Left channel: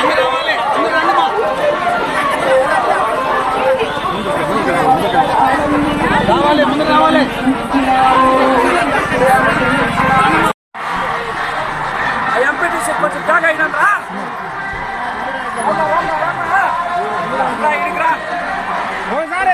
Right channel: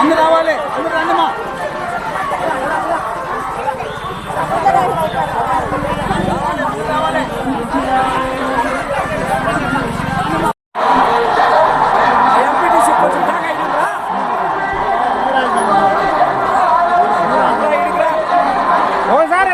అందరూ రావాలి, అందరూ రండి మా రావాలి. ఎంపీటీసీ కొంచెం జాగా అయినరా ఓసారి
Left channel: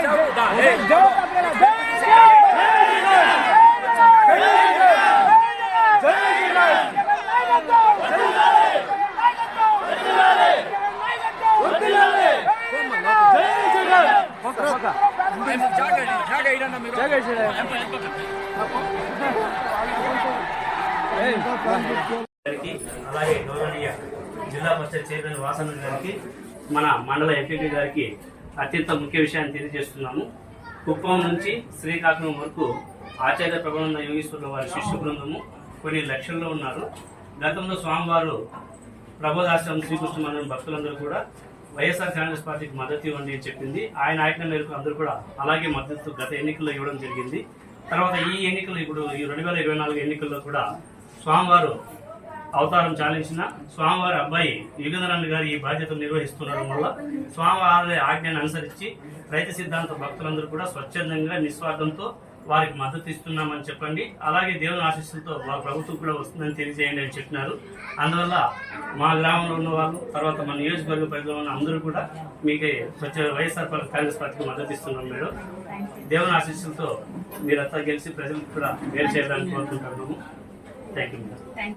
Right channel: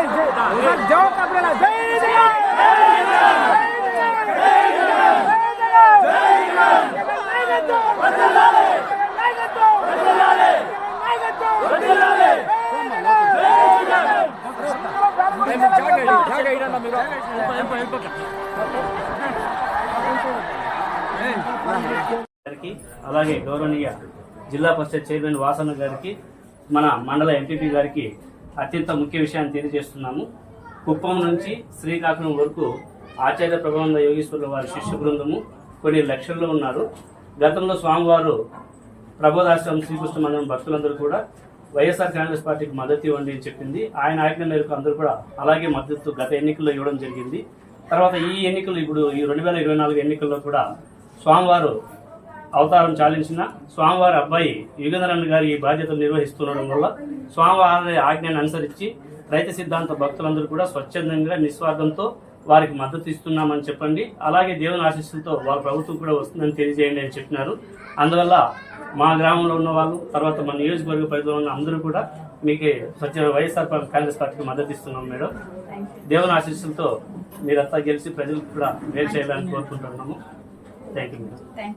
అలాగే గౌరవనీయ జిల్లా పరిషత్ చైర్మన్ వాసన్న గారికి, మన మండల ఎంపీపీ గారికి అత్యంత ముఖ్య విషయాన్ని తెలియజేస్తున్నాము. కుప్పం నుంచి శ్రీకాకుళం వరకు ఆచార్య ప్రభానంద యోగేశ్వరుల వారి శిష్య బృందము కొన్ని లక్షల్లో ఉన్నారు. గతంలో స్వామివారు ప్రబోధాశ్రమం శ్రీకృష్ణ మందిరం భక్తులందరూ కూడా వైఎస్ఆర్ కాంగ్రెస్ పార్టీకి మద్దతు ఇవ్వండి అని చెప్పింది. ఆయన ఆజ్ఞ మేరకు అందరూ కూడా అలాగే మద్దతు గత ఎన్నికల్లో ఇవ్వడం జరిగింది. తర్వాత ఈ ఎన్నికలు, ఇప్పుడు ఈ 2024 ఎన్నికల్లో కూడా స్వామివారు అవతారం చాలించిన స్వామివారి అబ్బాయి యుగంధరన్ గారు ఈ బాధ్యతలు నిర్వహిస్తుండడం వల్ల స్వామివారి ఆజ్ఞను అనుసరించి రైతు సిద్ధాంత భక్తులందరూ కూడా స్వచ్ఛందంగా నిస్వార్థంతో వారికి మద్దతు ఇస్తున్నామని చెప్పండి. అలాగే దేవుని ఆశీస్సులతో వారి ప్రభుత్వం కూడా వస్తుందని తెలియజేయండి అని చెప్పినారు. అందువల్ల మా గ్రామంలో ఉన్న వాళ్ళు, తర్వాత మా నియోజకవర్గ పరిధిలో ఉన్న అందరూ కూడా మీకు వైఎస్ఆర్ కాంగ్రెస్ పార్టీకి మద్దతు ఇస్తున్నాం మేడం. దేవుని ఆశీస్సులతో మీరంతా గెలిచి ప్రజలకు కూడా మేలు చేయాలని కోరుకుంటున్నాము. Thank you madam.